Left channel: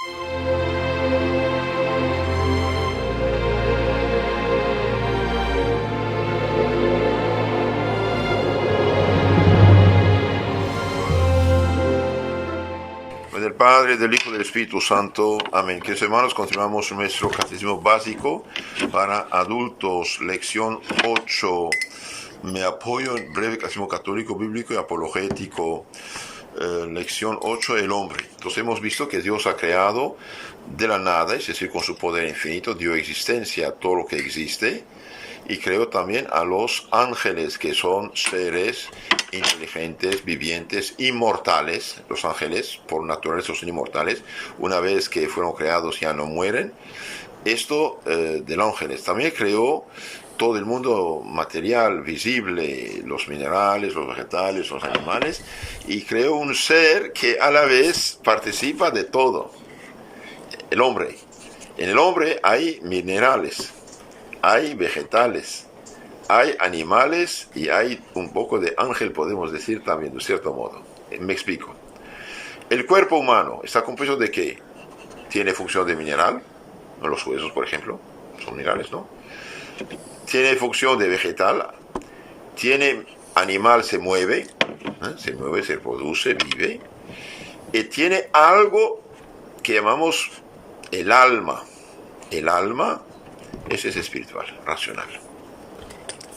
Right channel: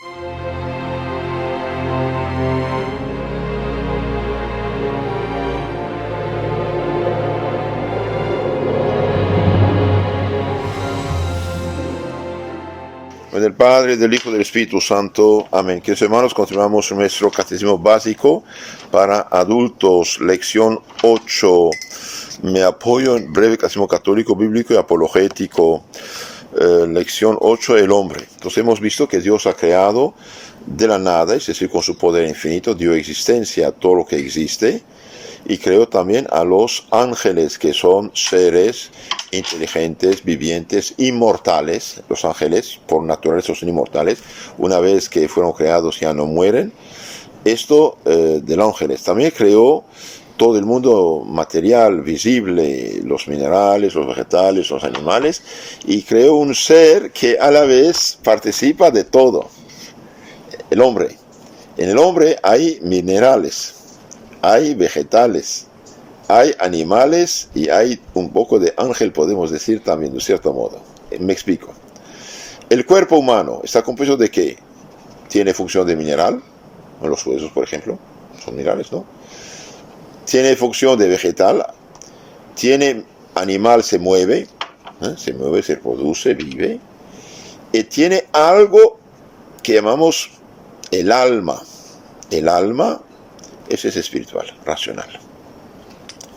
Del Padre, del Hijo y del Espíritu Santo. Amén. Queridos hermanos, continuamos nuestro catecismo básico para adultos, lección 8. Me apoyo en breve catecismo católico, bíblico y apologético. Lección 8, el hombre. Entonces hemos visto que Dios ha creado de la nada, es decir, con su poder infinito, dio existencia a todo lo que existe, y creó también a los ángeles, que son seres inteligentes, vivientes, inmortales. Los ángeles por naturaleza son inmortales, una vez que fueron creados ya no mueren. Esto del ángeles. También creó todo el mundo material, visible, los minerales, los vegetales, los animales, y creó un ser que a la vez participa de todo, el hombre. En el hombre hay minerales, hay vegetales, hay animales y hay un poco de ángel, podemos decir también, de cierto modo. Me explico. El cuerpo humano está compuesto de ¿qué? Tiene función de mineral, los huesos, por ejemplo, son minerales, ¿no? Tiene función de vegetal, tiene animal, se mueve, se reproduce, vive, y tiene algo que llamamos el alma. El alma, ese es espiritual, racional.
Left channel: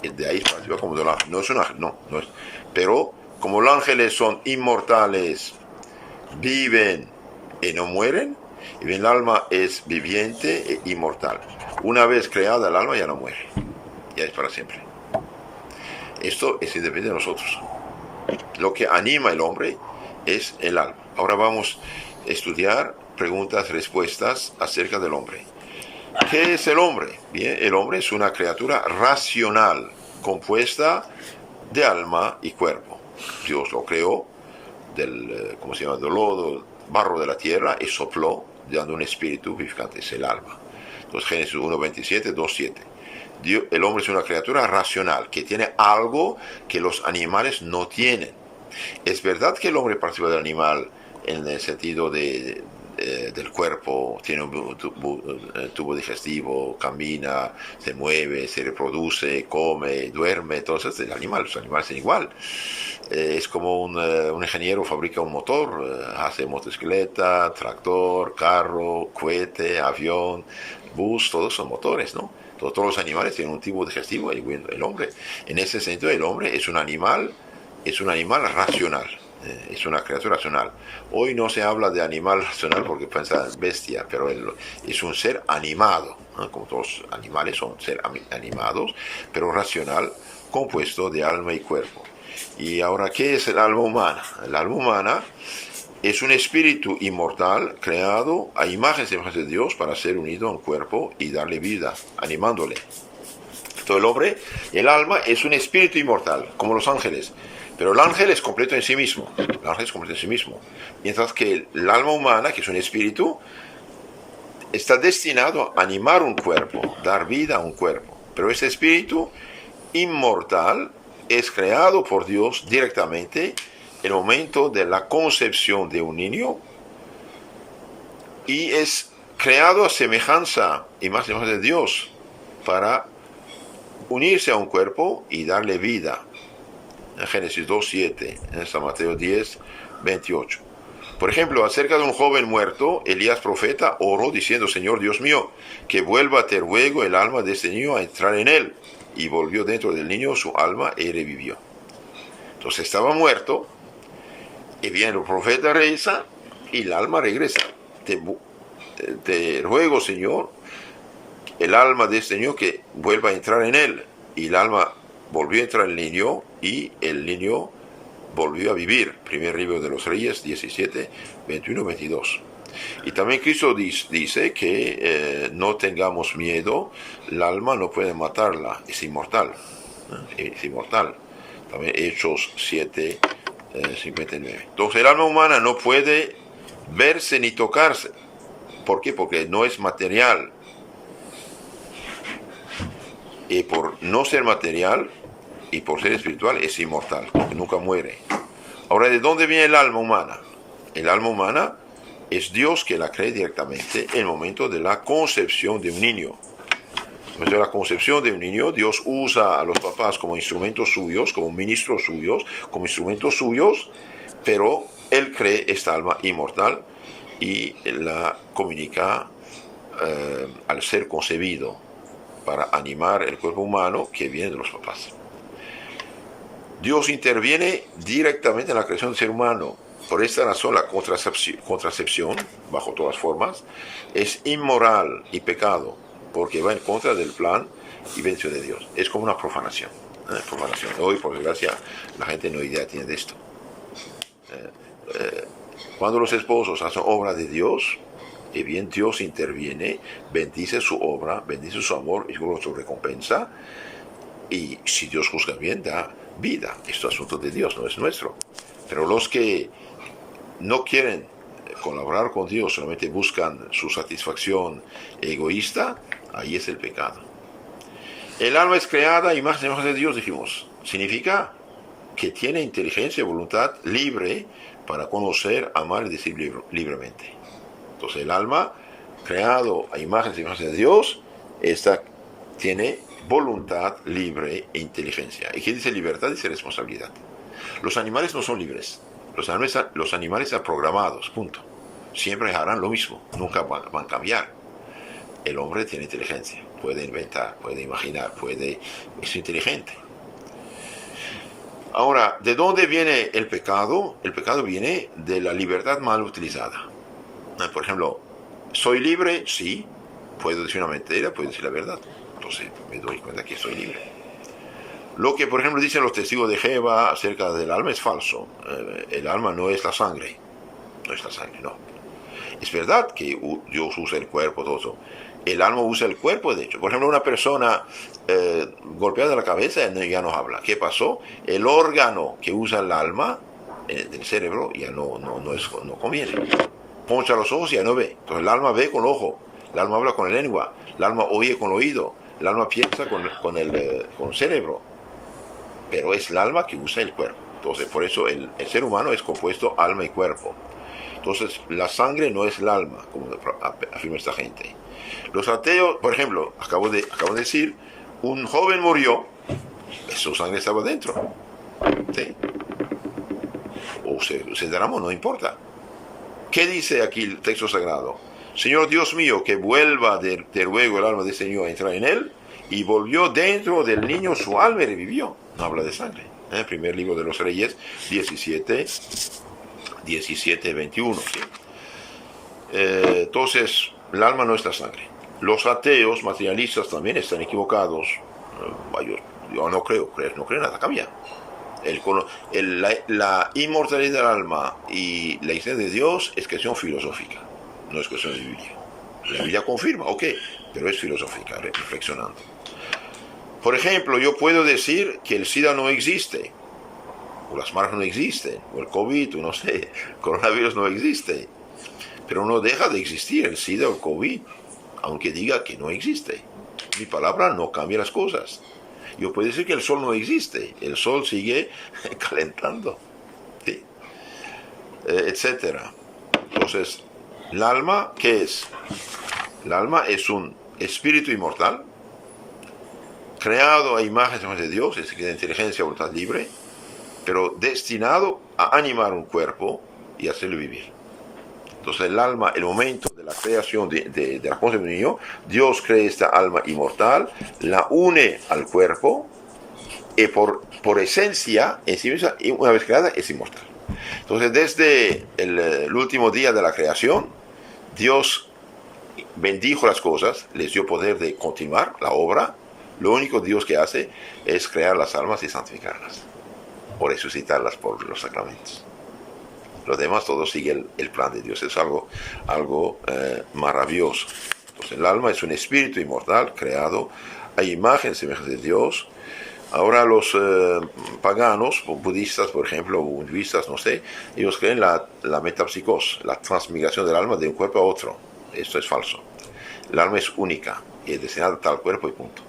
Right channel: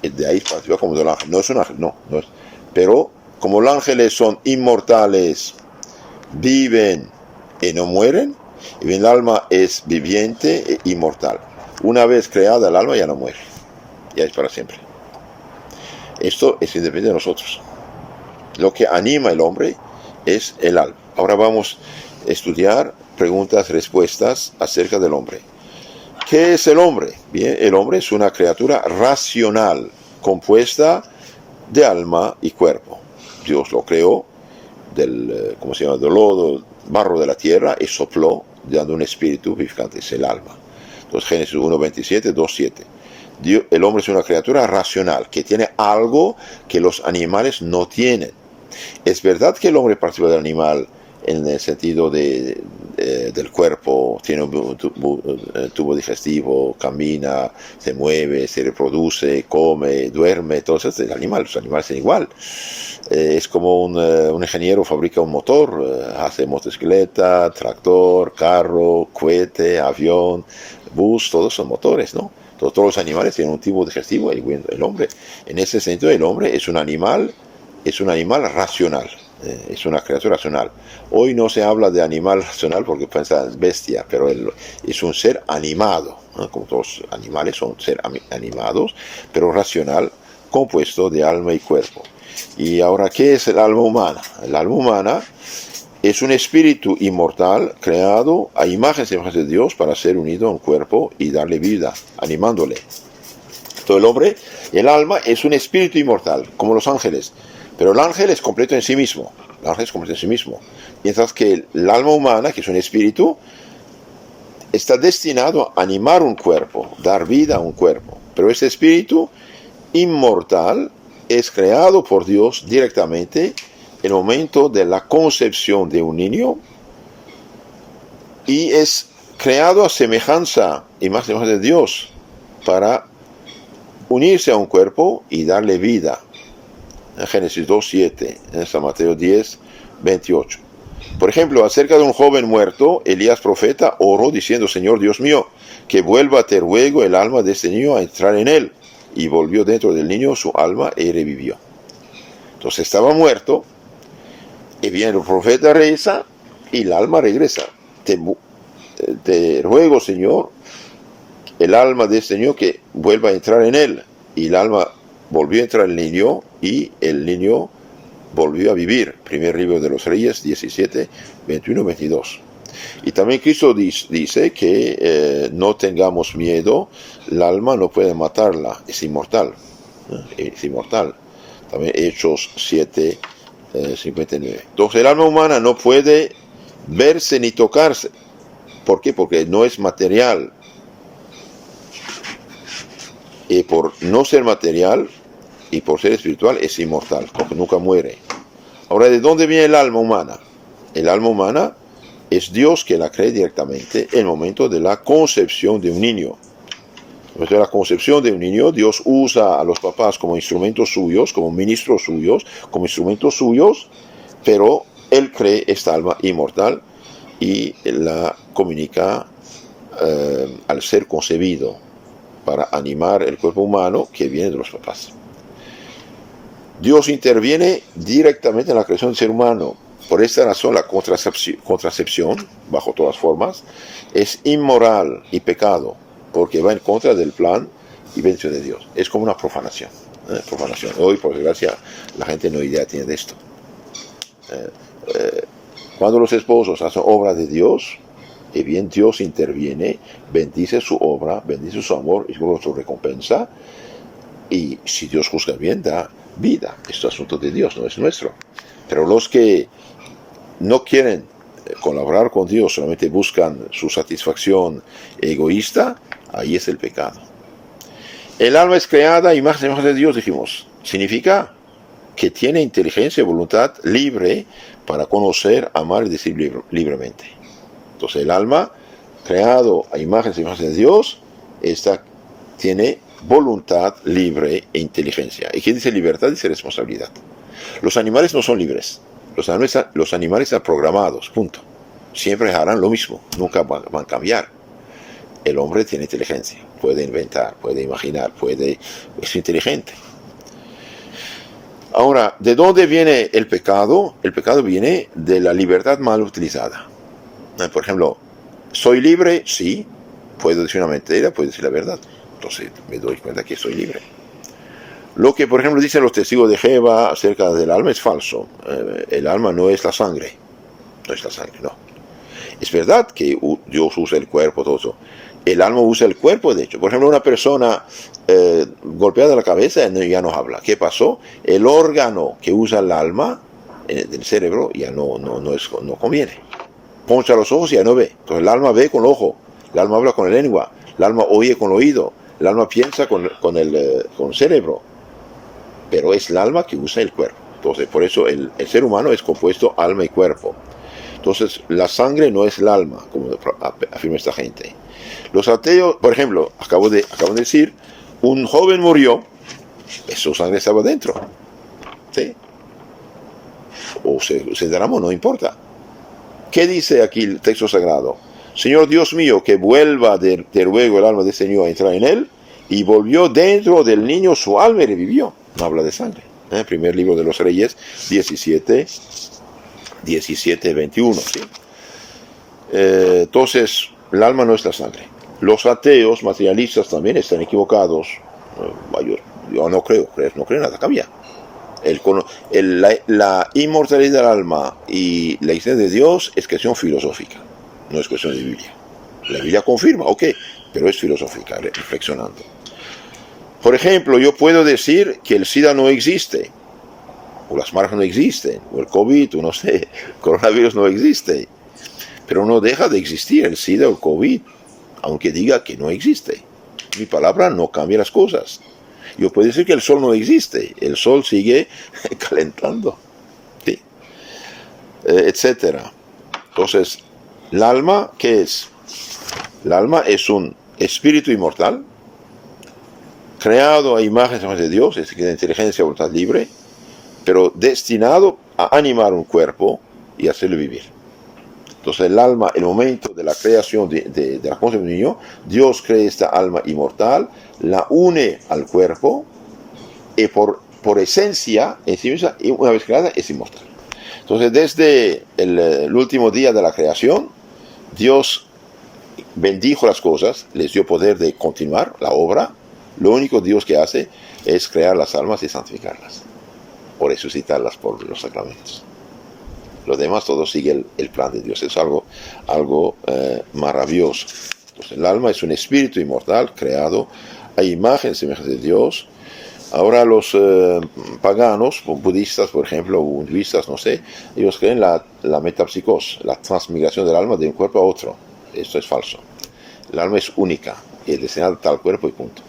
De ahí participa como del ángel. No es un ángel, no es. Pero como los ángeles son inmortales, viven y no mueren, y bien, el alma es viviente e inmortal. Una vez creada, el alma ya no muere, ya es para siempre. Esto es independiente de nosotros. Lo que anima al hombre es el alma. Ahora vamos a estudiar preguntas, respuestas acerca del hombre. ¿Qué es el hombre? Bien, el hombre es una criatura racional, compuesta de alma y cuerpo. Dios lo creó del lodo, barro de la tierra, y sopló, dando un espíritu vivificante, es el alma. Entonces, Génesis 1:27, 2:7. El hombre es una criatura racional, que tiene algo que los animales no tienen. Es verdad que el hombre participa del animal en el sentido del cuerpo, tiene un tubo digestivo, camina, se mueve, se reproduce, come, duerme, todo eso es el animal. Los animales son igual. Es como un ingeniero fabrica un motor, hace motocicleta, tractor, carro, cohete, avión, bus, todos son motores, ¿no? Todos los animales tienen un tubo digestivo, y bueno, el hombre, en ese sentido, el hombre es un animal racional. Es una criatura racional. Hoy no se habla de animal racional porque piensa bestia, pero es un ser animado, ¿no? Como todos los animales son seres animados, pero racional, compuesto de alma y cuerpo. Y ahora, ¿qué es el alma humana? El alma humana es un espíritu inmortal creado a imagen y semejanza de Dios para ser unido a un cuerpo y darle vida, animándole. Todo el hombre, el alma es un espíritu inmortal, como los ángeles. Pero el ángel es completo en sí mismo. El ángel es completo en sí mismo. Mientras que el alma humana, que es un espíritu, está destinado a animar un cuerpo, dar vida a un cuerpo. Pero ese espíritu inmortal es creado por Dios directamente en el momento de la concepción de un niño, y es creado a semejanza y más semejanza de Dios para unirse a un cuerpo y darle vida. En Génesis 2:7, en San Mateo 10:28. Por ejemplo, acerca de un joven muerto, Elías profeta oró diciendo: Señor Dios mío, que vuelva, te ruego, el alma de este niño a entrar en él. Y volvió dentro del niño su alma y revivió. Entonces estaba muerto, y viene el profeta, reza, y el alma regresa. Te ruego, Señor, el alma de este niño que vuelva a entrar en él. Y el alma volvió a entrar en el niño, y el niño volvió a vivir. Primer libro de los Reyes 17:21-22. Y también Cristo dice que no tengamos miedo, el alma no puede matarla, es inmortal. Es inmortal. También Hechos 7:59. Entonces el alma humana no puede verse ni tocarse. ¿Por qué? Porque no es material. Y por no ser material y por ser espiritual es inmortal, porque nunca muere. Ahora, ¿de dónde viene el alma humana? El alma humana es Dios que la crea directamente en el momento de la concepción de un niño. Desde la concepción de un niño, Dios usa a los papás como instrumentos suyos, como ministros suyos, como instrumentos suyos, pero Él cree esta alma inmortal y la comunica al ser concebido para animar el cuerpo humano que viene de los papás. Dios interviene directamente en la creación del ser humano. Por esta razón, la contracepción, bajo todas formas, es inmoral y pecado, porque va en contra del plan y bendición de Dios. Es como una profanación. Profanación. Hoy, por desgracia, la gente no idea tiene de esto. Cuando los esposos hacen obra de Dios, y bien Dios interviene, bendice su obra, bendice su amor y su recompensa. Y si Dios juzga bien, da vida. Esto es asunto de Dios, no es nuestro. Pero los que no quieren colaborar con Dios, solamente buscan su satisfacción egoísta, ahí es el pecado. El alma es creada a imagen y semejanza de Dios, dijimos. Significa que tiene inteligencia y voluntad libre para conocer, amar y decir libremente. Entonces el alma, creado a imagen y semejanza de Dios, tiene voluntad libre e inteligencia. ¿Y qué dice libertad? Dice responsabilidad. Los animales no son libres. Los animales están programados, punto. Siempre harán lo mismo, nunca van a cambiar. El hombre tiene inteligencia, puede inventar, puede imaginar, es inteligente. Ahora, ¿de dónde viene el pecado? El pecado viene de la libertad mal utilizada. Por ejemplo, ¿soy libre? Sí. Puedo decir una mentira, puedo decir la verdad. Entonces me doy cuenta que soy libre. Lo que, por ejemplo, dicen los testigos de Jehová acerca del alma es falso. El alma no es la sangre. No es la sangre, no. Es verdad que Dios usa el cuerpo, todo eso. El alma usa el cuerpo, de hecho. Por ejemplo, una persona golpeada la cabeza ya no habla. ¿Qué pasó? El órgano que usa el alma, el cerebro, ya no conviene. Poncha los ojos y ya no ve. Entonces el alma ve con el ojo, el alma habla con la lengua, el alma oye con el oído, el alma piensa con el cerebro. Pero es el alma que usa el cuerpo. Entonces, por eso el ser humano es compuesto alma y cuerpo. Entonces, la sangre no es el alma, como afirma esta gente. Los ateos, por ejemplo, acabo de decir, un joven murió, su sangre estaba dentro. ¿Sí? O se derramó, no importa. ¿Qué dice aquí el texto sagrado? Señor Dios mío, que vuelva de ruego el alma de este niño a entrar en él, y volvió dentro del niño su alma y revivió. No habla de sangre. Primer libro de los Reyes, 17, 21. ¿Sí? Entonces, el alma no es la sangre. Los ateos materialistas también están equivocados. Yo no creo nada cambia. La inmortalidad del alma y la existencia de Dios es cuestión filosófica, no es cuestión de Biblia. La Biblia confirma, ok, pero es filosófica, reflexionando. Por ejemplo, yo puedo decir que el SIDA no existe, o las marcas no existen, o el COVID, o no sé, el coronavirus no existe, pero no deja de existir el SIDA o el COVID, aunque diga que no existe. Mi palabra no cambia las cosas. Yo puedo decir que el sol no existe, el sol sigue calentando, ¿sí? Etcétera. Entonces, ¿el alma qué es? El alma es un espíritu inmortal, creado a imagen y semejanza de Dios, es decir, de inteligencia y voluntad libre, pero destinado a animar un cuerpo y hacerlo vivir. Entonces el alma, el momento de la creación de la concepción del niño, Dios crea esta alma inmortal, la une al cuerpo y por esencia, en sí misma, una vez creada, es inmortal. Entonces desde el último día de la creación, Dios bendijo las cosas, les dio poder de continuar la obra. Lo único Dios que hace es crear las almas y santificarlas, o resucitarlas por los sacramentos. Lo demás todo sigue el plan de Dios. Es algo maravilloso. Entonces, el alma es un espíritu inmortal creado a imagen y semejanza de Dios. Ahora los paganos, budistas por ejemplo, o hinduistas, no sé, ellos creen la metapsicos, la transmigración del alma de un cuerpo a otro. Esto es falso. El alma es única y es destinada a tal cuerpo y punto.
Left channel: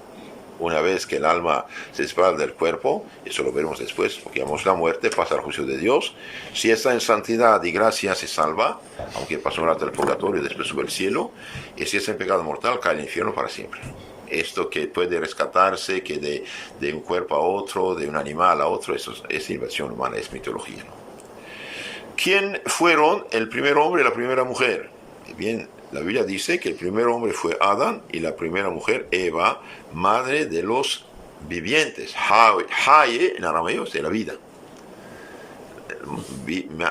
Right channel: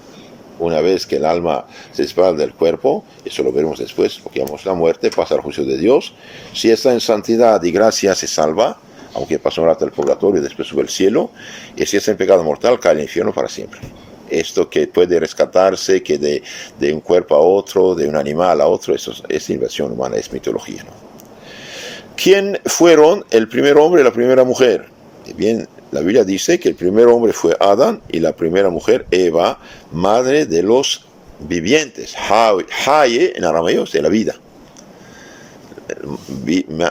Una vez que el alma se separa del cuerpo, eso lo veremos después, porque vamos la muerte, pasa al juicio de Dios. Si está en santidad y gracia, se salva. aunque pasó un rato al purgatorio y después sube al cielo, y si es en pecado mortal, cae al infierno para siempre. Esto que puede rescatarse, que de un cuerpo a otro, de un animal a otro, eso es invención humana, es mitología, ¿no? ¿Quién fueron el primer hombre y la primera mujer? Bien, la Biblia dice que el primer hombre fue Adán y la primera mujer Eva, madre de los vivientes. Haye en arameo es de la vida.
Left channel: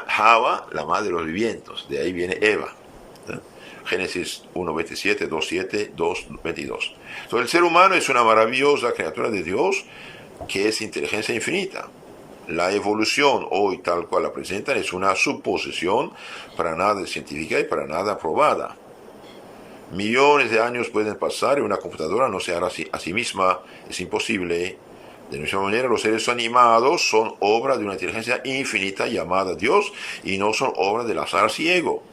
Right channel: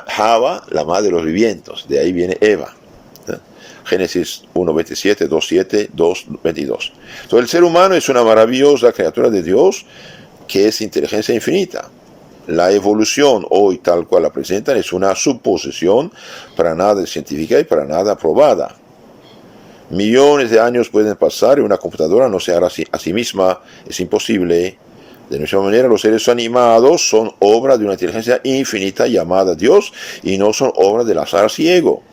Java, la madre de los vivientes, de ahí viene Eva. Génesis 1:27, 2:7, 2:22. Entonces el ser humano es una maravillosa criatura de Dios que es inteligencia infinita. La evolución hoy tal cual la presentan es una suposición para nada científica y para nada probada. Millones de años pueden pasar y una computadora no se hará a sí misma, es imposible. De la misma manera, los seres animados son obra de una inteligencia infinita llamada Dios y no son obra del azar ciego.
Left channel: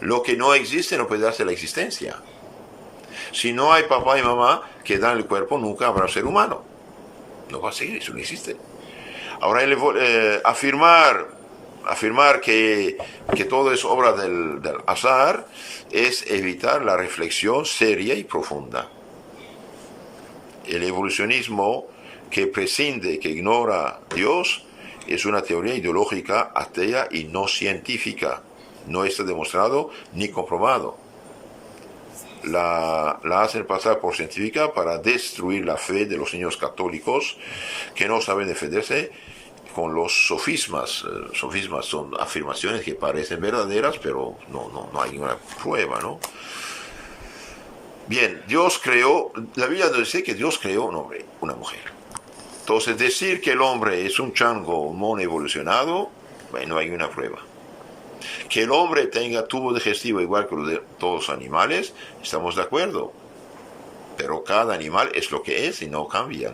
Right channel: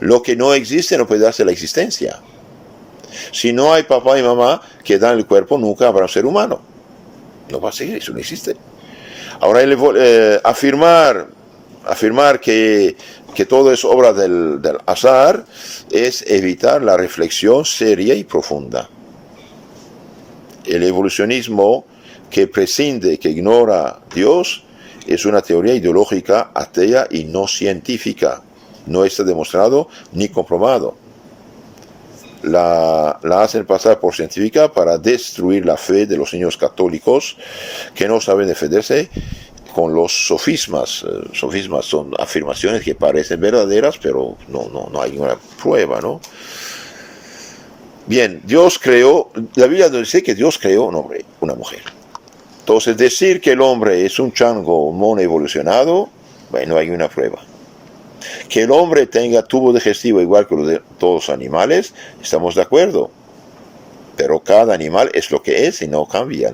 Lo que no existe no puede darse la existencia. Si no hay papá y mamá que dan el cuerpo, nunca habrá un ser humano. No va a seguir, eso no existe. Ahora, afirmar que todo es obra del azar es evitar la reflexión seria y profunda. El evolucionismo que prescinde, que ignora a Dios, es una teoría ideológica atea y no científica. No está demostrado ni comprobado. La hacen pasar por científica para destruir la fe de los niños católicos que no saben defenderse con los sofismas. Sofismas son afirmaciones que parecen verdaderas, pero no hay ninguna prueba, ¿no? Bien, Dios creó, la Biblia nos dice que Dios creó un hombre, una mujer. Entonces, decir que el hombre es un chango mono evolucionado, bueno, no hay una prueba. Que el hombre tenga tubo digestivo igual que los de todos los animales, estamos de acuerdo. Pero cada animal es lo que es y no cambia.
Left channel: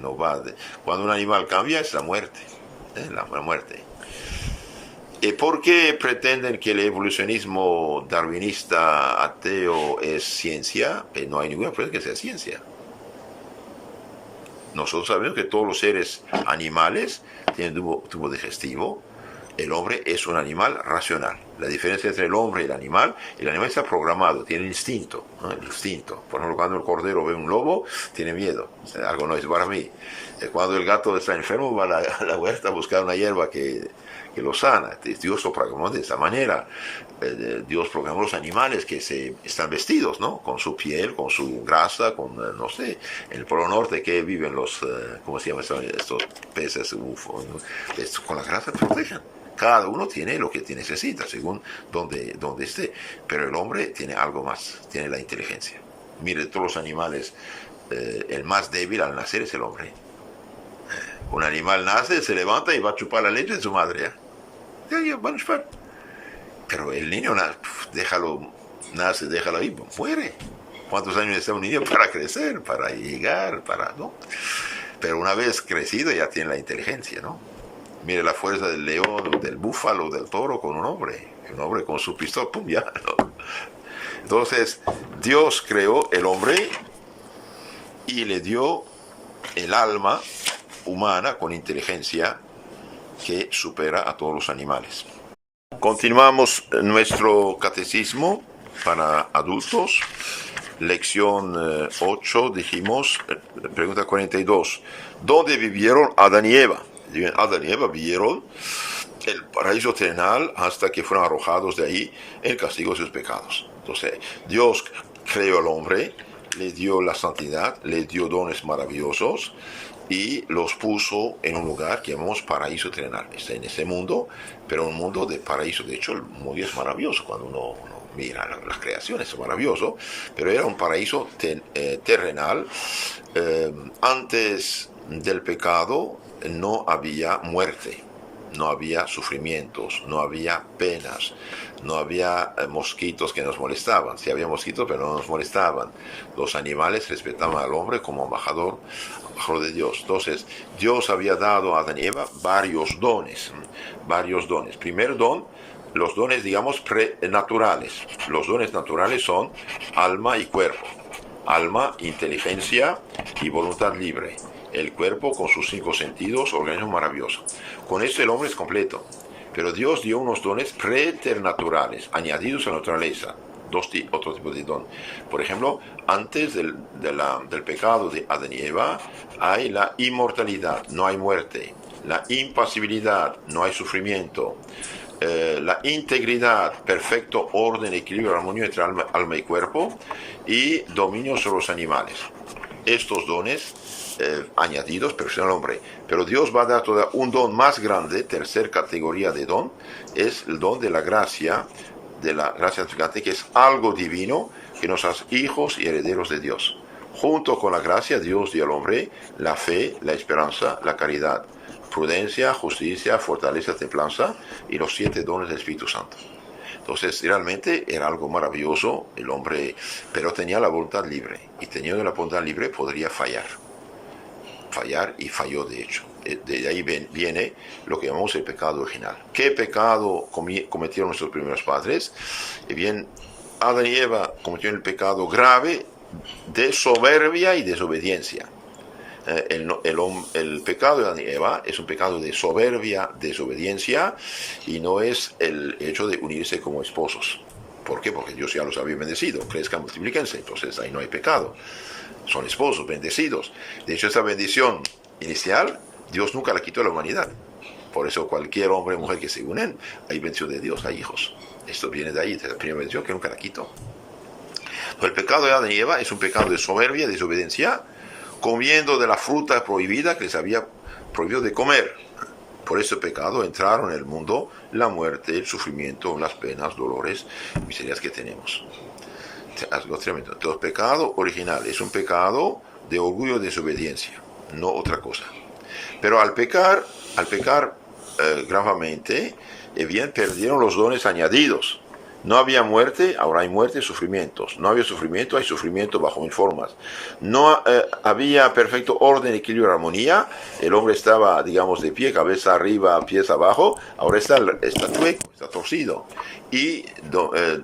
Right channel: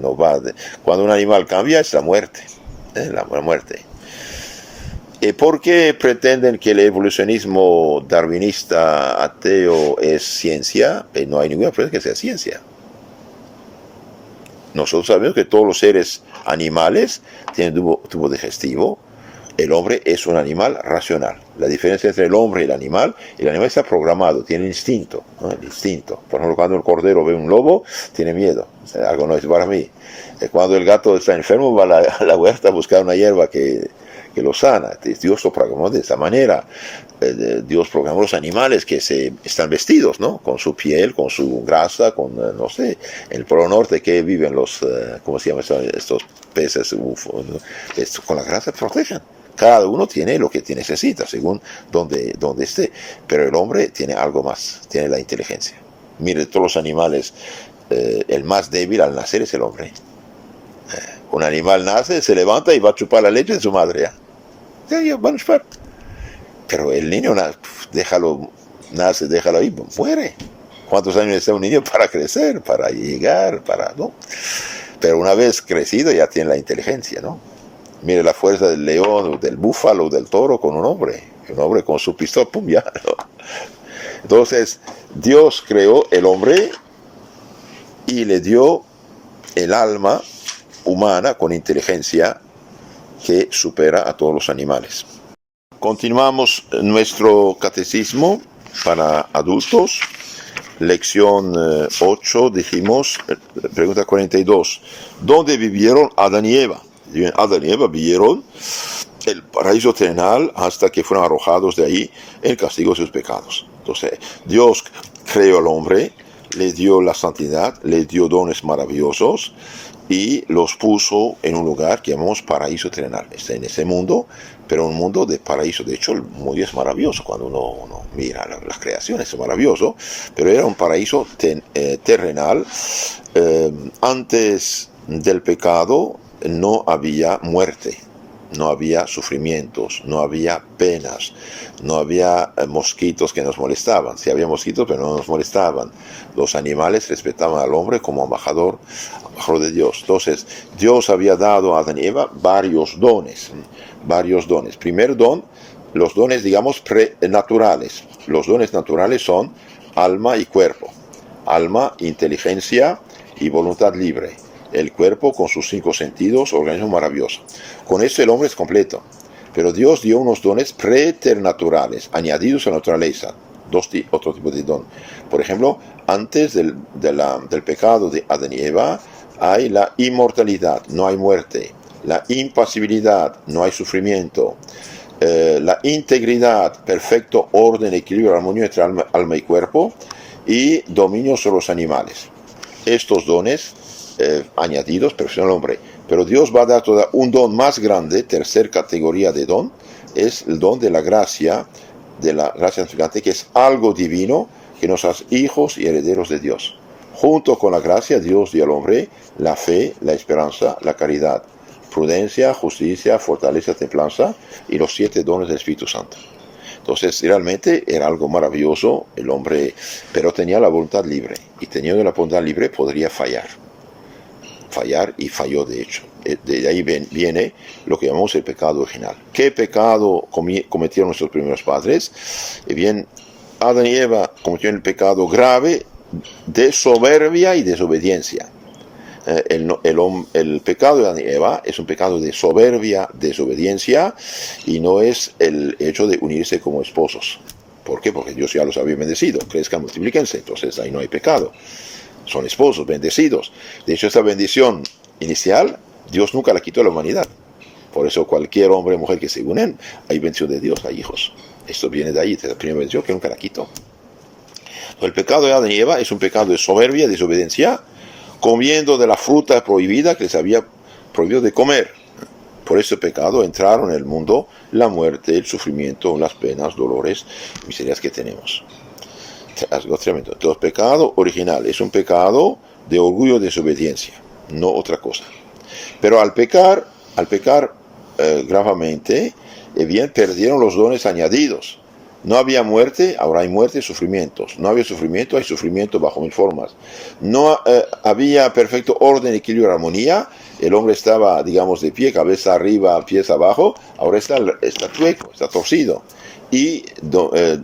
Cuando un animal cambia es la muerte. La muerte. ¿Y por qué pretenden que el evolucionismo darwinista ateo es ciencia? No hay ninguna prueba que sea ciencia. Nosotros sabemos que todos los seres animales tienen tubo digestivo. El hombre es un animal racional. La diferencia entre el hombre y el animal está programado, tiene instinto, ¿no? El instinto. Por ejemplo, cuando el cordero ve un lobo, tiene miedo. Algo no es para mí. Cuando el gato está enfermo, va a la huerta a buscar una hierba que lo sana. Dios lo programó de esa manera. Dios programó los animales que están vestidos, ¿no? Con su piel, con su grasa, con, no sé, en el Polo Norte que viven los, ¿cómo se llaman estos peces? ¿No? Con la grasa protegen. Cada uno tiene lo que necesita, según donde esté. Pero el hombre tiene algo más, tiene la inteligencia. Mire, todos los animales, el más débil al nacer es el hombre. Un animal nace, se levanta y va a chupar la leche de su madre. Ya, van a chupar. Pero el niño, déjalo ahí, muere. ¿Cuántos años necesita un niño para crecer, para llegar, ¿no? Pero una vez crecido ya tiene la inteligencia, ¿no? Mire la fuerza del león, del búfalo, del toro con un hombre con su pistola, pum, ya, ¿no? Entonces, Dios creó el hombre y le dio el alma humana con inteligencia que supera a todos los animales. Continuamos nuestro catecismo para adultos. Lección 8, dijimos, pregunta 42. ¿Dónde vivieron Adán y Eva? Adán y Eva vivieron el paraíso terrenal hasta que fueron arrojados de ahí en castigo de sus pecados. Entonces, Dios creó al hombre, le dio la santidad, le dio dones maravillosos y los puso en un lugar que llamamos paraíso terrenal. Está en ese mundo, pero un mundo de paraíso. De hecho, el mundo es maravilloso cuando uno mira las creaciones, es maravilloso, pero era un paraíso terrenal. Antes del pecado no había muerte, no había sufrimientos, no había penas, no había mosquitos que nos molestaban. Sí había mosquitos, pero no nos molestaban. Los animales respetaban al hombre como embajador de Dios. Entonces, Dios había dado a Adán y Eva varios dones. Primer don, los dones, digamos, prenaturales. Los dones naturales son alma y cuerpo. Alma, inteligencia y voluntad libre. El cuerpo con sus 5 sentidos, organismo maravilloso. Con esto el hombre es completo. Pero Dios dio unos dones preternaturales, añadidos a la naturaleza. Otro tipo de don. Por ejemplo, antes del pecado de Adán y Eva, hay la inmortalidad, no hay muerte. La impasibilidad, no hay sufrimiento. La integridad, perfecto orden, equilibrio, armonía entre alma y cuerpo. Y dominio sobre los animales. Estos dones añadidos perfeccionan al hombre. Pero Dios va a dar todavía un don más grande, tercera categoría de don, es el don de la gracia santificante, que es algo divino que nos hace hijos y herederos de Dios. Junto con la gracia, Dios dio al hombre la fe, la esperanza, la caridad, prudencia, justicia, fortaleza, templanza y los 7 dones del Espíritu Santo. Entonces, realmente era algo maravilloso el hombre, pero tenía la voluntad libre. Y teniendo la voluntad libre podría fallar. Y falló de hecho. De ahí viene lo que llamamos el pecado original. ¿Qué pecado cometieron nuestros primeros padres? Bien, Adán y Eva cometieron el pecado grave de soberbia y desobediencia. El pecado de Adán y Eva es un pecado de soberbia, desobediencia, y no es el hecho de unirse como esposos. ¿Por qué? Porque Dios ya los había bendecido. Crezcan, multiplíquense. Entonces ahí no hay pecado. Son esposos bendecidos. De hecho, esta bendición inicial, Dios nunca la quitó a la humanidad. Por eso cualquier hombre o mujer que se unen, hay bendición de Dios, hay hijos. Esto viene de ahí, de la primera bendición que nunca la quitó. Entonces, el pecado de Adán y Eva es un pecado de soberbia, desobediencia, comiendo de la fruta prohibida que les había prohibido de comer. Por este pecado entraron en el mundo la muerte, el sufrimiento, las penas, dolores, miserias que tenemos. Algo tremendo. Entonces, pecado original es un pecado de orgullo y desobediencia, no otra cosa. Pero al pecar gravemente, bien perdieron los dones añadidos. No había muerte, ahora hay muerte y sufrimientos. No había sufrimiento, hay sufrimiento bajo mil formas. No había perfecto orden, equilibrio y armonía. El hombre estaba, digamos, de pie, cabeza arriba, pies abajo. Ahora está chueco, está torcido. Y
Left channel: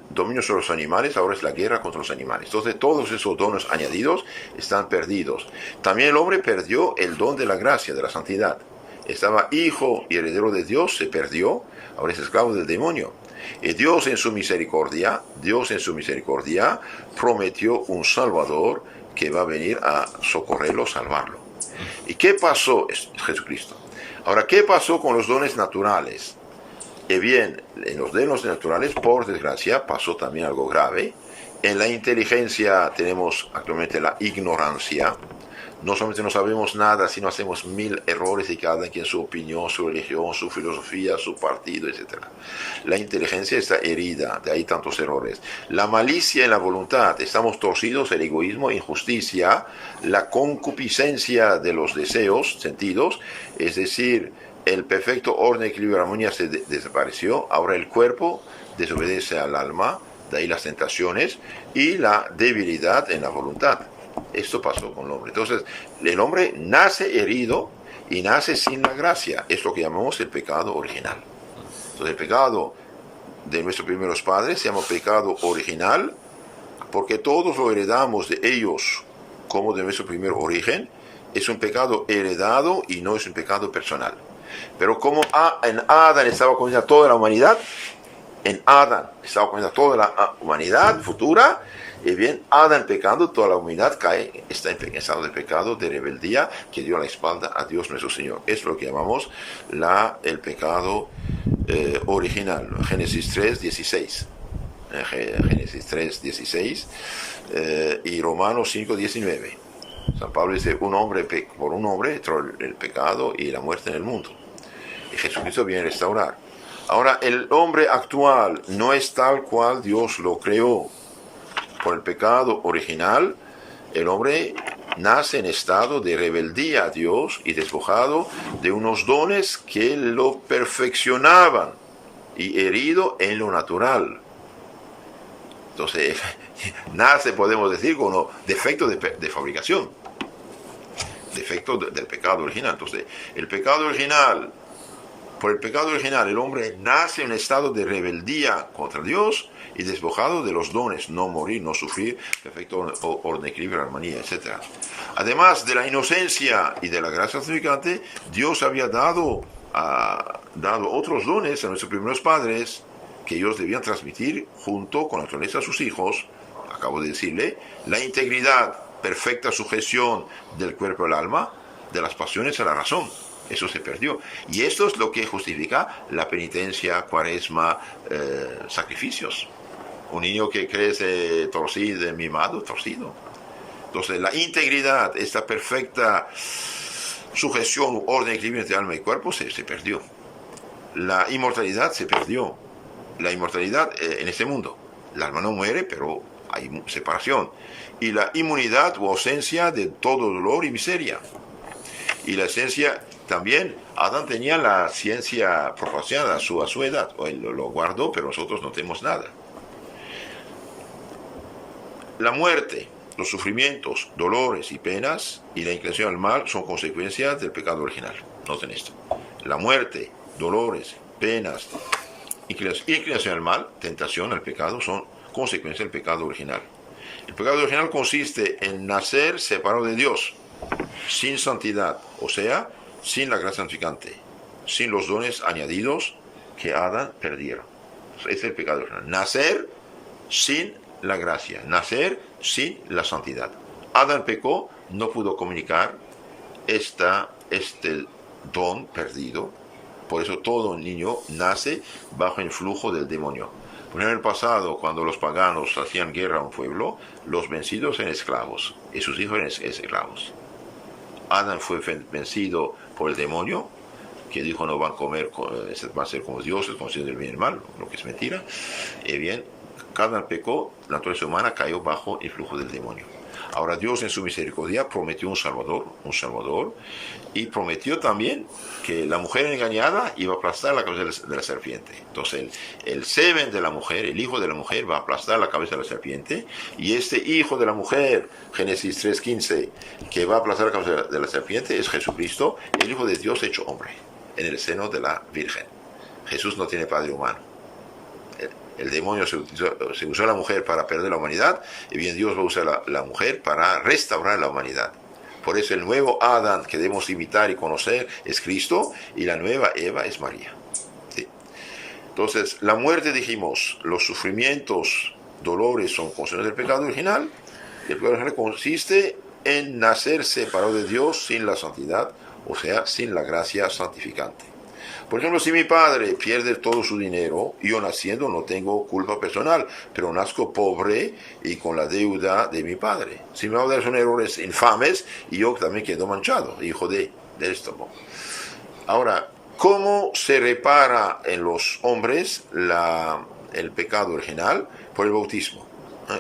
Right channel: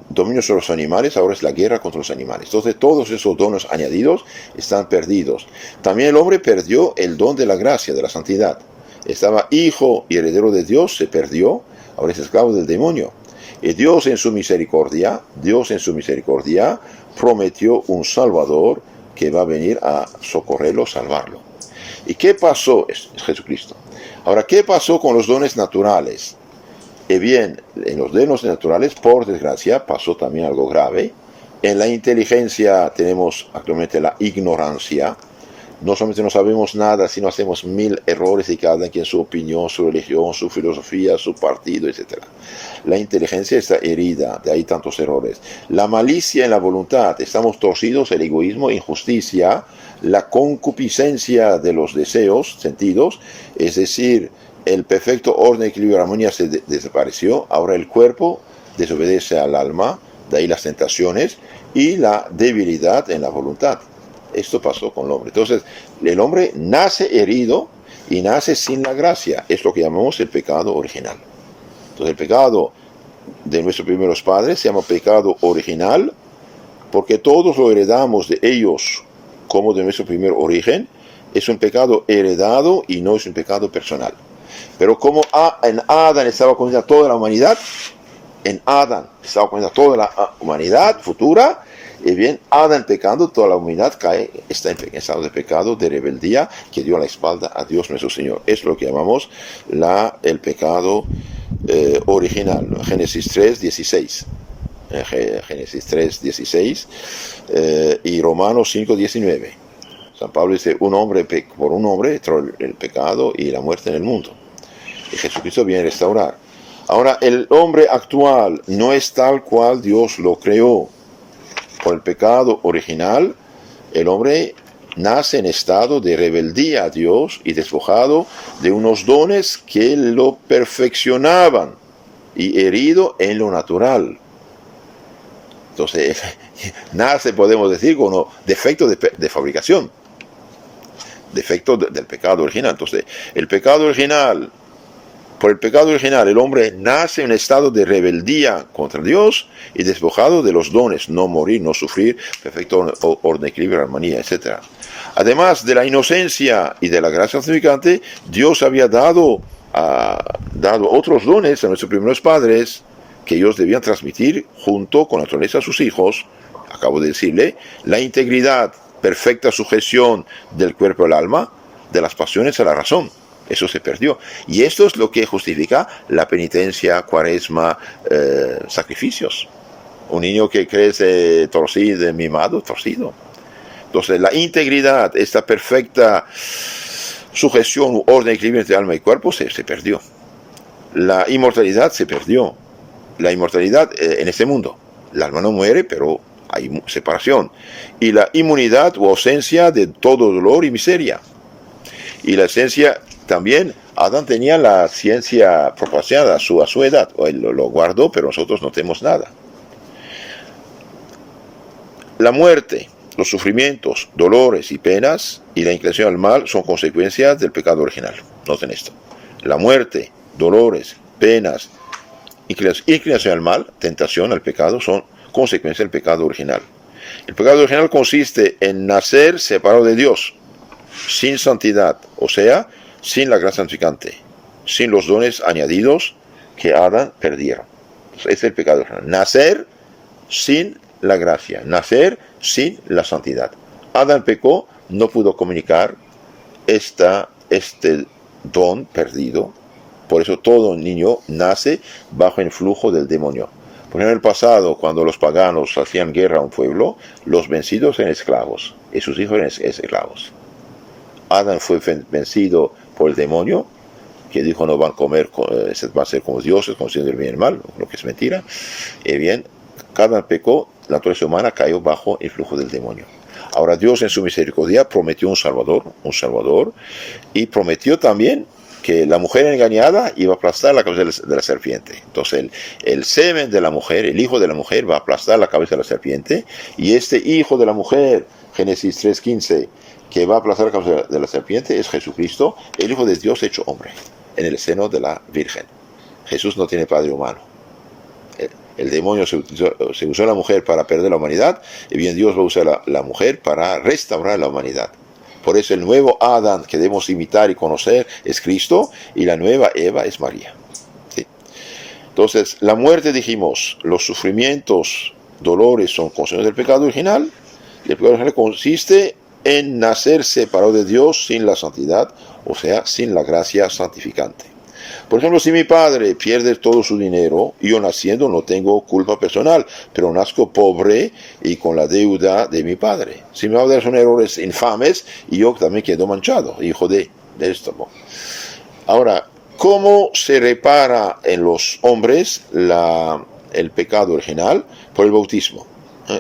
dominio sobre los animales, ahora es la guerra contra los animales. Entonces todos esos dones añadidos están perdidos. También el hombre perdió el don de la gracia, de la santidad. Estaba hijo y heredero de Dios, se perdió, ahora es esclavo del demonio. Y Dios en su misericordia prometió un Salvador que va a venir a socorrerlo, salvarlo. ¿Y qué pasó? Es Jesucristo. Ahora, ¿qué pasó con los dones naturales? Bien, en los dones naturales, por desgracia, pasó también algo grave. En la inteligencia tenemos actualmente la ignorancia. No solamente no sabemos nada, sino hacemos 1000 errores y cada quien su opinión, su religión, su filosofía, su partido, etc. La inteligencia está herida, de ahí tantos errores. La malicia en la voluntad, estamos torcidos, el egoísmo, injusticia, la concupiscencia de los deseos, sentidos, es decir, el perfecto orden, equilibrio y armonía se desapareció. Ahora el cuerpo desobedece al alma, de ahí las tentaciones y la debilidad en la voluntad. Esto pasó con el hombre. Entonces, el hombre nace herido y nace sin la gracia. Es lo que llamamos el pecado original. Entonces, el pecado de nuestros primeros padres se llama pecado original porque todos lo heredamos de ellos como de nuestro primer origen. Es un pecado heredado y no es un pecado personal. Pero como en Adán estaba condenada toda la humanidad, futura, y bien, Adán pecando, toda la humanidad está en estado de pecado, de rebeldía, que dio la espalda a Dios nuestro Señor. Es lo que llamamos el pecado original. Génesis 3:16. Génesis 3:16 y Romanos 5:19. San Pablo dice, por un hombre entró el pecado y la muerte en el mundo. Y Jesucristo viene a restaurar. Ahora, el hombre actual no es tal cual Dios lo creó. Por el pecado original, el hombre nace en estado de rebeldía a Dios y despojado de unos dones que lo perfeccionaban y herido en lo natural. Entonces, nace, podemos decir, con defecto de fabricación, defecto del pecado original. Entonces, por el pecado original, el hombre nace en estado de rebeldía contra Dios y despojado de los dones, no morir, no sufrir, perfecto orden, equilibrio, armonía, etc. Además de la inocencia y de la gracia santificante, Dios había dado ha dado otros dones a nuestros primeros padres que ellos debían transmitir junto con la naturaleza a sus hijos. Acabo de decirle, la integridad, perfecta sujeción del cuerpo al alma, de las pasiones a la razón. Eso se perdió. Y esto es lo que justifica la penitencia, cuaresma, sacrificios. Un niño que crece torcido, mimado, torcido. Entonces, la integridad, esta perfecta sujeción, orden, equilibrio entre alma y cuerpo se perdió. La inmortalidad se perdió. La inmortalidad en este mundo. El alma no muere, pero hay separación. Y la inmunidad o ausencia de todo dolor y miseria. Y la esencia también, Adán tenía la ciencia proporcionada a su edad. Él lo guardó, pero nosotros no tenemos nada. La muerte, los sufrimientos, dolores y penas y la inclinación al mal son consecuencias del pecado original. Noten esto. La muerte, dolores, penas, inclinación al mal, tentación al pecado, son consecuencias del pecado original. El pecado original consiste en nacer separado de Dios, sin santidad, o sea, sin la gracia santificante, sin los dones añadidos que Adán perdieron. Ese es el pecado original. Nacer sin la gracia, nacer sin la santidad. Adán pecó, no pudo comunicar este don perdido. Por eso todo niño nace bajo el influjo del demonio. Por ejemplo, en el pasado, cuando los paganos hacían guerra a un pueblo, los vencidos eran esclavos y sus hijos eran esclavos. Adán fue vencido por el demonio, que dijo no van a comer, van a ser como dioses, conociendo el bien y el mal, lo que es mentira. Bien, Adán pecó, la naturaleza humana cayó bajo el flujo del demonio. Ahora Dios en su misericordia prometió un Salvador, y prometió también que la mujer engañada iba a aplastar la cabeza de la serpiente. Entonces el semen de la mujer, el hijo de la mujer va a aplastar la cabeza de la serpiente, y este hijo de la mujer, Génesis 3:15, que va a aplastar la cabeza de la serpiente, es Jesucristo, el Hijo de Dios hecho hombre, en el seno de la Virgen. Jesús no tiene padre humano. El demonio se usó la mujer para perder la humanidad, y bien Dios va a usar la mujer para restaurar la humanidad. Por eso el nuevo Adán que debemos imitar y conocer es Cristo, y la nueva Eva es María. ¿Sí? Entonces, la muerte, dijimos, los sufrimientos, dolores son consecuencias del pecado original, y el pecado original consiste en nacer separado de Dios sin la santidad, o sea, sin la gracia santificante. Por ejemplo, si mi padre pierde todo su dinero, yo naciendo no tengo culpa personal, pero nazco pobre y con la deuda de mi padre. Si mi padre son errores infames, y yo también quedo manchado, hijo de esto. Ahora, ¿cómo se repara en los hombres el pecado original? Por el bautismo.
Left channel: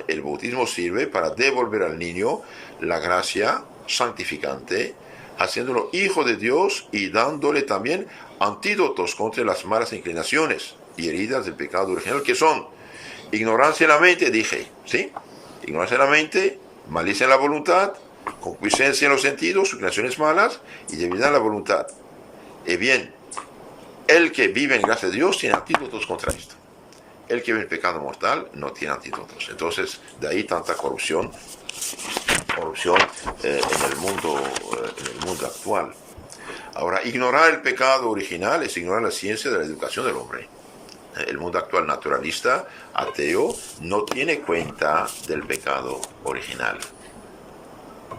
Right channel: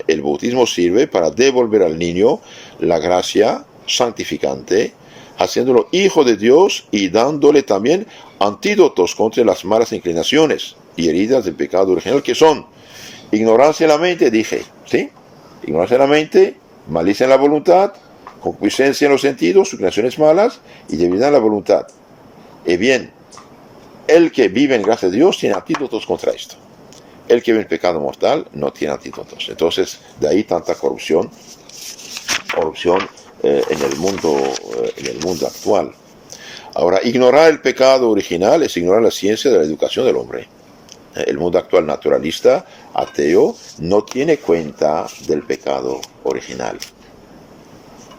El bautismo sirve para devolver al niño la gracia santificante, haciéndolo hijo de Dios y dándole también antídotos contra las malas inclinaciones y heridas del pecado original, que son ignorancia en la mente, dije, ¿sí? Ignorancia en la mente, malicia en la voluntad, concupiscencia en los sentidos, inclinaciones malas y debilidad en la voluntad. Bien, el que vive en gracia de Dios tiene antídotos contra esto. El que vive en pecado mortal no tiene antídotos. Entonces, de ahí tanta corrupción en el mundo actual. Ahora, ignorar el pecado original es ignorar la ciencia de la educación del hombre. El mundo actual naturalista, ateo, no tiene cuenta del pecado original.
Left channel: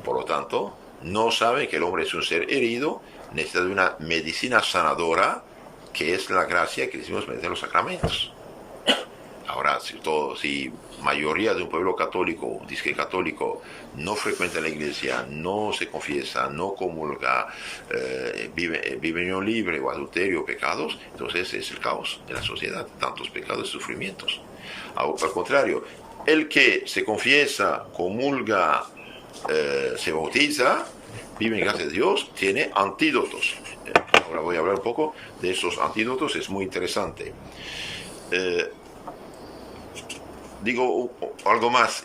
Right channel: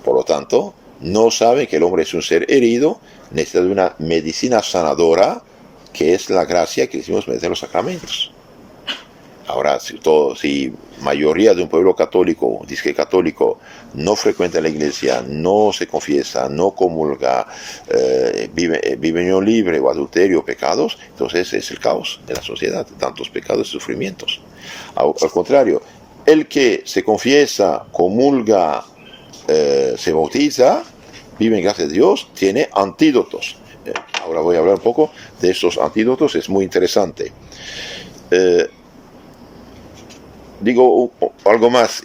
Por lo tanto, no sabe que el hombre es un ser herido, necesita de una medicina sanadora, que es la gracia que decimos mediante los sacramentos. Ahora, si mayoría de un pueblo católico, disque católico, no frecuenta la iglesia, no se confiesa, no comulga, vive en unión libre o adulterio, pecados, entonces es el caos de la sociedad, tantos pecados y sufrimientos. Al contrario, el que se confiesa, comulga, se bautiza, vive en gracia de Dios, tiene antídotos. Ahora voy a hablar un poco de estos antídotos, es muy interesante. Digo algo más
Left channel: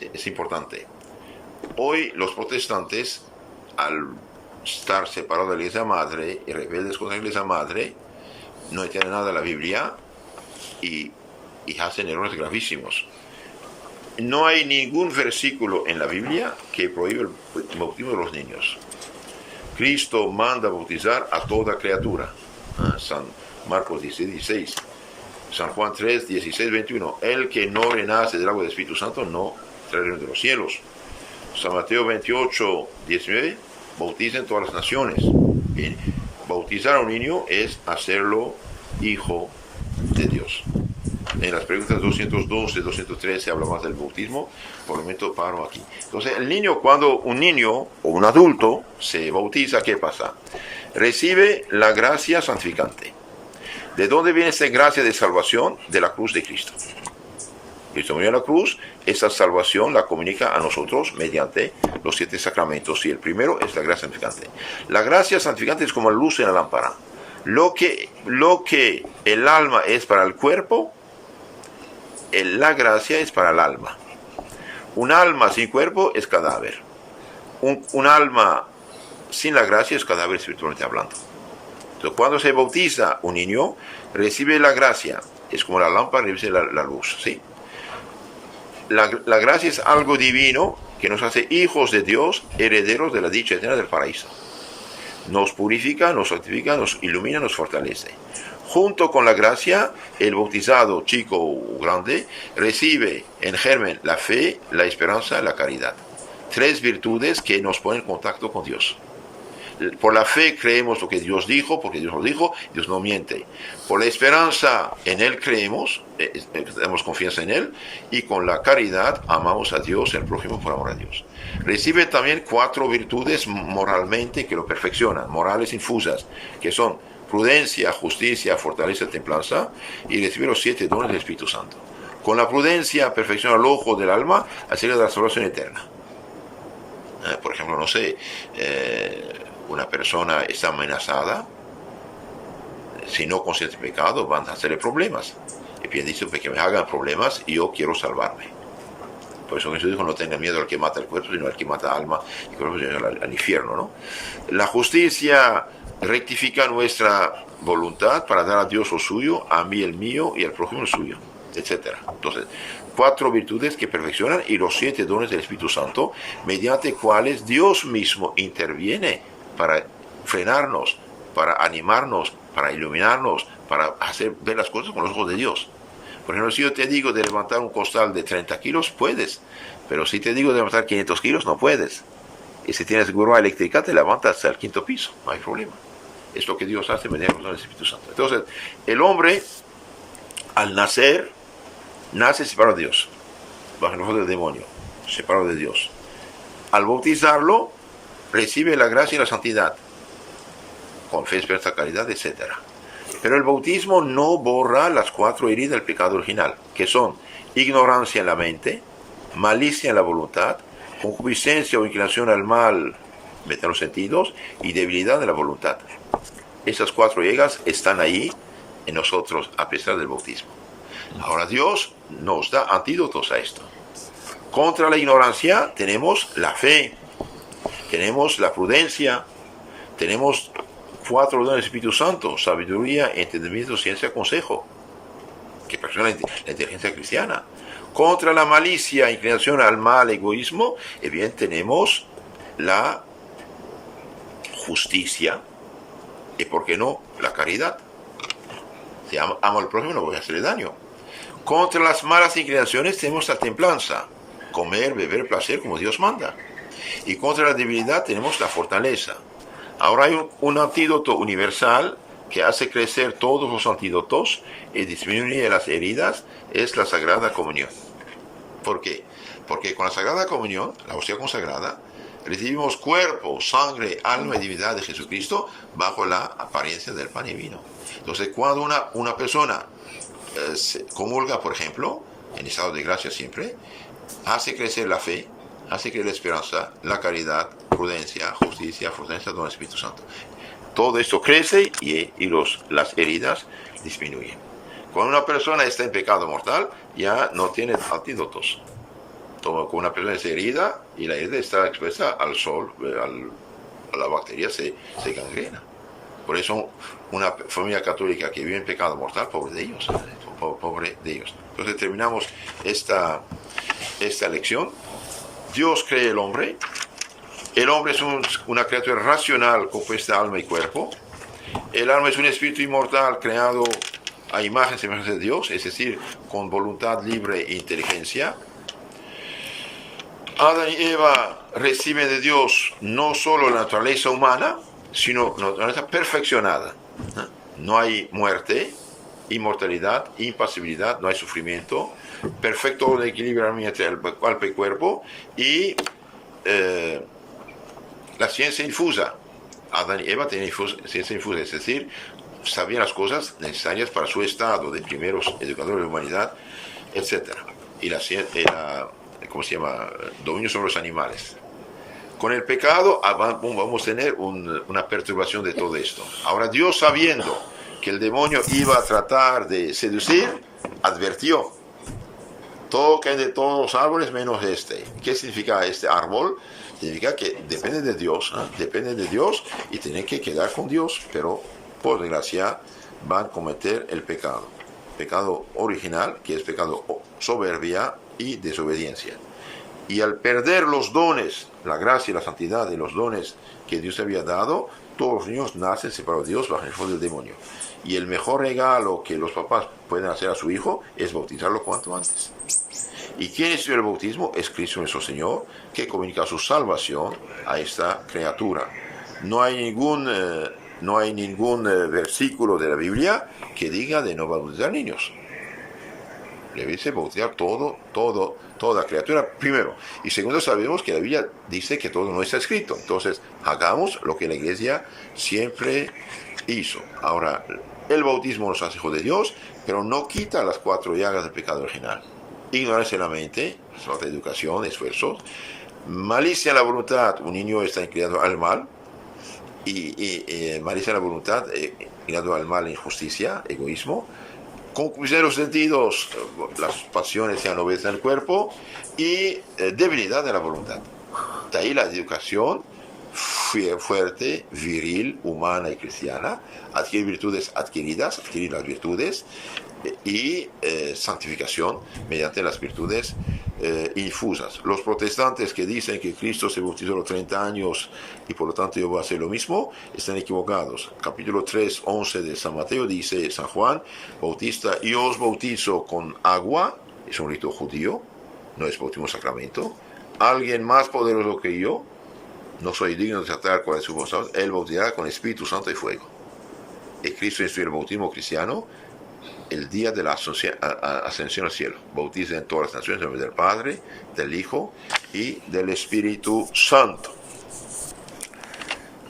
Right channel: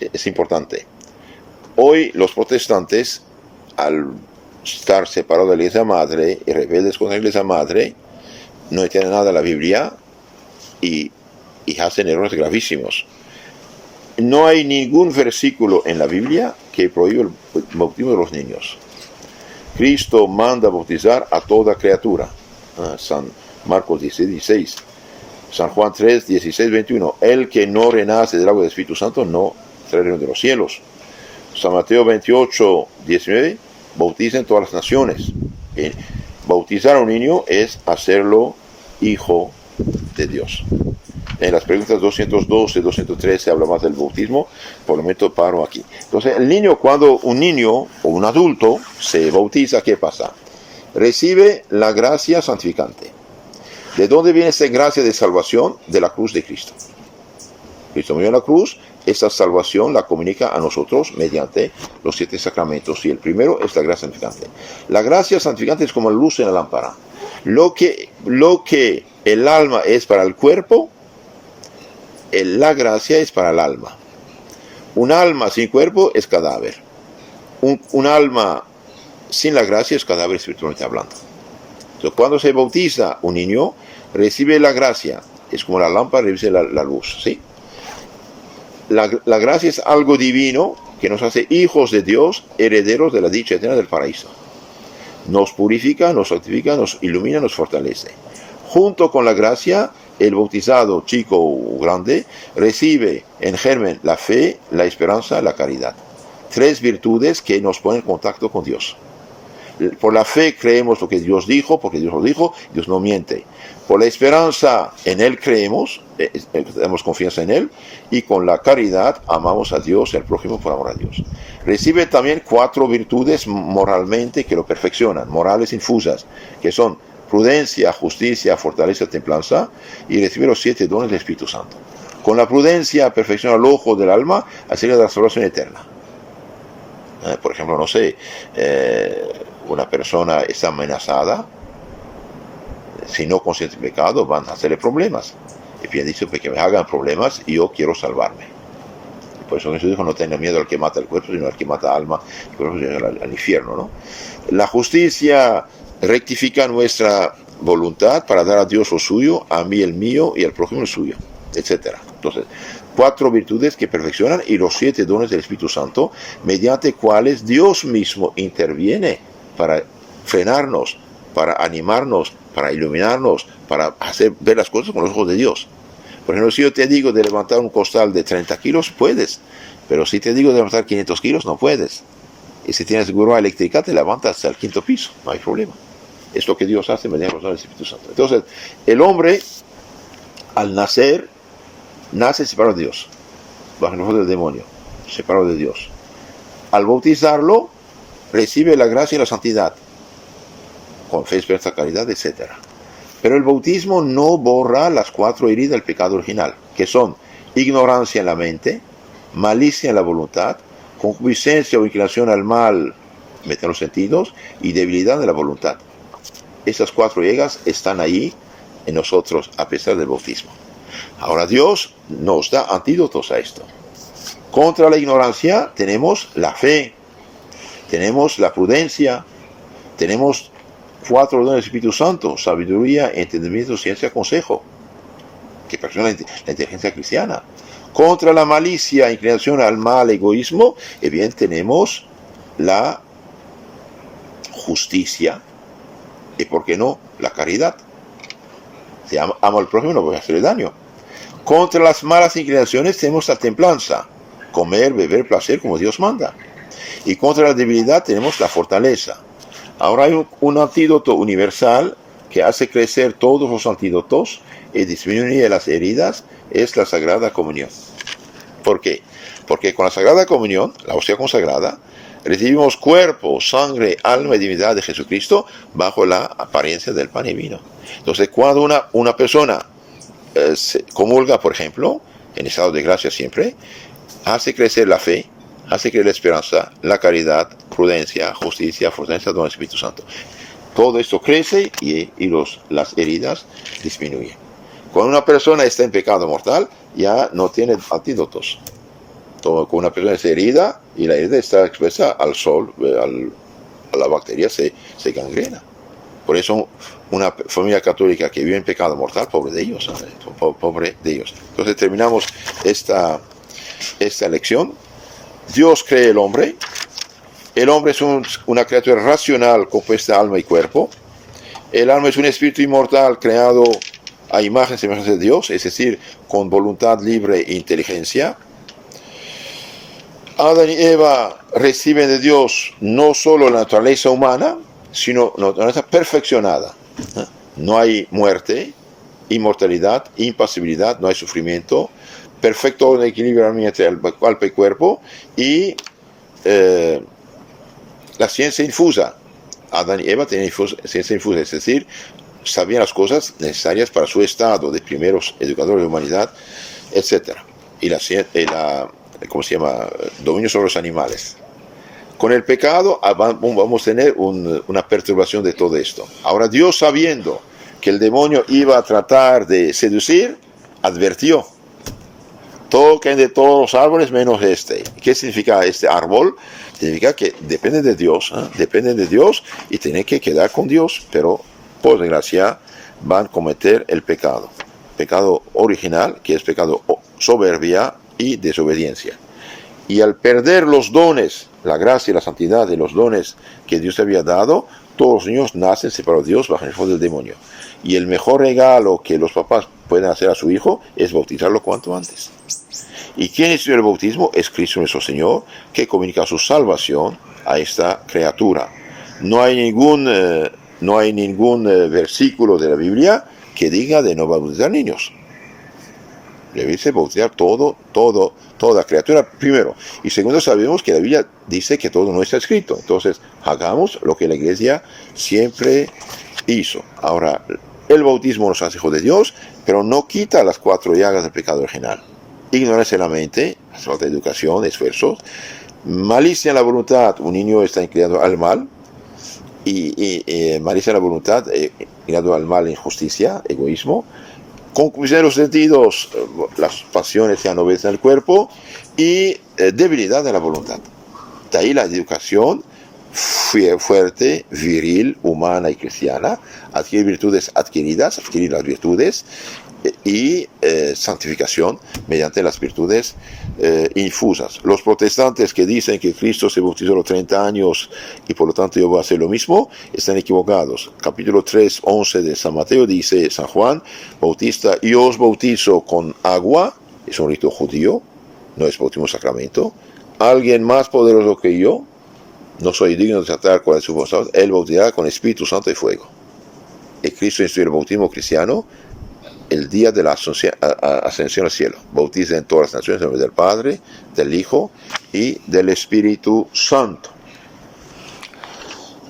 es importante. Hoy los protestantes, al estar separados de la iglesia madre y rebeldes contra la iglesia madre, no entienden nada de la Biblia y hacen errores gravísimos. No hay ningún versículo en la Biblia que prohíbe el bautismo de los niños. Cristo manda bautizar a toda criatura. San Marcos 16. San Juan 3, 16, 21. El que no renace del agua del Espíritu Santo no será el reino de los cielos. San Mateo 28, 19. Bauticen todas las naciones. Bien. Bautizar a un niño es hacerlo hijo de Dios. En las preguntas 212, 213 se habla más del bautismo. Por el momento paro aquí. Entonces, cuando un niño o un adulto se bautiza, ¿qué pasa? Recibe la gracia santificante. ¿De dónde viene esta gracia de salvación? De la cruz de Cristo. Cristo murió en la cruz, esa salvación la comunica a nosotros mediante los 7 sacramentos. Y el primero es la gracia santificante. La gracia santificante es como la luz en la lámpara. Lo que el alma es para el cuerpo, la gracia es para el alma. Un alma sin cuerpo es cadáver. Un alma sin la gracia es cadáver espiritualmente hablando. Entonces, cuando se bautiza un niño, recibe la gracia. Es como la lámpara recibe la luz, ¿sí? La gracia es algo divino que nos hace hijos de Dios, herederos de la dicha eterna del paraíso. Nos purifica, nos santifica, nos ilumina, nos fortalece. Junto con la gracia, el bautizado, chico o grande, recibe en germen la fe, la esperanza, la caridad. 3 virtudes que nos ponen en contacto con Dios. Por la fe creemos lo que Dios dijo, porque Dios lo dijo, Dios no miente. Por la esperanza en Él creemos, tenemos confianza en Él, y con la caridad amamos a Dios y al prójimo por amor a Dios. Recibe también 4 virtudes moralmente que lo perfeccionan, morales infusas, que son prudencia, justicia, fortaleza, templanza, y recibe los 7 dones del Espíritu Santo. Con la prudencia perfecciona el ojo del alma acerca de la salvación eterna. Por ejemplo, no sé, una persona está amenazada, si no consciente de pecado, van a hacerle problemas. Y bien dice que me hagan problemas y yo quiero salvarme. Por eso Jesús dijo, no tenga miedo al que mata el cuerpo, sino al que mata alma, y cuerpo al infierno, ¿no? La justicia rectifica nuestra voluntad para dar a Dios lo suyo, a mí el mío y al prójimo el suyo, etc. Entonces, 4 virtudes que perfeccionan y los 7 dones del Espíritu Santo, mediante cuales Dios mismo interviene para frenarnos, para animarnos, para iluminarnos, para hacer ver las cosas con los ojos de Dios. Por ejemplo, si yo te digo de levantar un costal de 30 kilos, puedes. Pero si te digo de levantar 500 kilos, no puedes. Y si tienes grúa eléctrica, te levantas hasta el 5º piso. No hay problema. Es lo que Dios hace mediante el Espíritu Santo. Entonces, el hombre, al nacer, nace separado de Dios, bajo el ojo del demonio, separado de Dios. Al bautizarlo, recibe la gracia y la santidad, con fe, esperanza, caridad, etc. Pero el bautismo no borra las 4 heridas del pecado original, que son ignorancia en la mente, malicia en la voluntad, concupiscencia o inclinación al mal, en los sentidos, y debilidad de la voluntad. Esas 4 heridas están ahí en nosotros a pesar del bautismo. Ahora Dios nos da antídotos a esto. Contra la ignorancia tenemos la fe, tenemos la prudencia, tenemos 4 dones del Espíritu Santo: sabiduría, entendimiento, ciencia, consejo, que perfecciona la inteligencia cristiana. Contra la malicia, inclinación al mal, egoísmo, bien tenemos la justicia y, ¿por qué no?, la caridad. Si amo al prójimo, no voy a hacerle daño. Contra las malas inclinaciones tenemos la templanza, comer, beber, placer como Dios manda. Y contra la debilidad tenemos la fortaleza. Ahora hay un antídoto universal que hace crecer todos los antídotos y disminuye las heridas, es la Sagrada Comunión. ¿Por qué? Porque con la Sagrada Comunión, la hostia consagrada, recibimos cuerpo, sangre, alma y divinidad de Jesucristo bajo la apariencia del pan y vino. Entonces, cuando una persona se comulga, por ejemplo, en estado de gracia siempre, hace crecer la fe, hace crecer la esperanza, la caridad, prudencia, justicia, fortaleza del Espíritu Santo. Todo esto crece y las heridas disminuyen. Cuando una persona está en pecado mortal, ya no tiene antídotos. Cuando una persona es herida y la herida está expuesta al sol, a la bacteria, se gangrena. Por eso una familia católica que vive en pecado mortal, pobre de ellos. Entonces terminamos esta lección. Dios cree el hombre, El hombre es una criatura racional compuesta de alma y cuerpo. El alma es un espíritu inmortal creado a imagen y semejanza de Dios, es decir, con voluntad libre e inteligencia. Adán y Eva reciben de Dios no solo la naturaleza humana, sino la naturaleza perfeccionada. No hay muerte, inmortalidad, impasibilidad, no hay sufrimiento, perfecto equilibrio entre el alma y cuerpo, y la ciencia infusa. Adán y Eva tenían ciencia infusa, es decir, sabían las cosas necesarias para su estado de primeros educadores de la humanidad, etc. Y ¿cómo se llama? Dominio sobre los animales. Con el pecado vamos a tener una perturbación de todo esto. Ahora Dios, sabiendo que el demonio iba a tratar de seducir, advirtió: toquen de todos los árboles menos este. ¿Qué significa este árbol? Significa que dependen de Dios, dependen de Dios y tienen que quedar con Dios, pero por desgracia van a cometer el pecado original, que es pecado soberbia y desobediencia. Y al perder los dones, la gracia y la santidad de los dones que Dios había dado, todos los niños nacen separados de Dios bajo el fuego del demonio. Y el mejor regalo que los papás pueden hacer a su hijo es bautizarlo cuanto antes. ¿Y quién instituyó el bautismo? Es Cristo nuestro Señor, que comunica su salvación a esta criatura. No hay ningún versículo de la Biblia que diga de no bautizar niños. Debe bautizar toda criatura, primero. Y segundo, sabemos que la Biblia dice que todo no está escrito. Entonces, hagamos lo que la Iglesia siempre hizo. Ahora, el bautismo nos hace hijos de Dios, pero no quita las 4 llagas del pecado original. Ignorancia en la mente, falta de educación, esfuerzos, malicia en la voluntad, un niño está inclinado al mal, y malicia en la voluntad, inclinado al mal, injusticia, egoísmo, concupiscencia de los sentidos, las pasiones ya no ves en el cuerpo, y debilidad en la voluntad. De ahí la educación fuerte, viril, humana y cristiana, adquirir virtudes adquiridas, adquirir las virtudes, y santificación mediante las virtudes infusas. Los protestantes que dicen que Cristo se bautizó a los 30 años y por lo tanto yo voy a hacer lo mismo, están equivocados. Capítulo 3, 11 de San Mateo dice San Juan Bautista: yo os bautizo con agua, es un rito judío, no es bautismo sacramento. Alguien más poderoso que yo, no soy digno de tratar con su voluntad, él bautizará con Espíritu Santo y fuego. Y Cristo instituyó el bautismo cristiano el día de la ascensión al cielo. Bautiza en todas las naciones en nombre del Padre, del Hijo y del Espíritu Santo.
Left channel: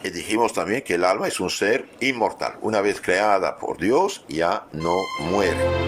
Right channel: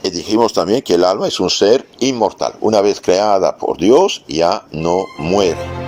Y dijimos también que el alma es un ser inmortal. Una vez creada por Dios, ya no muere.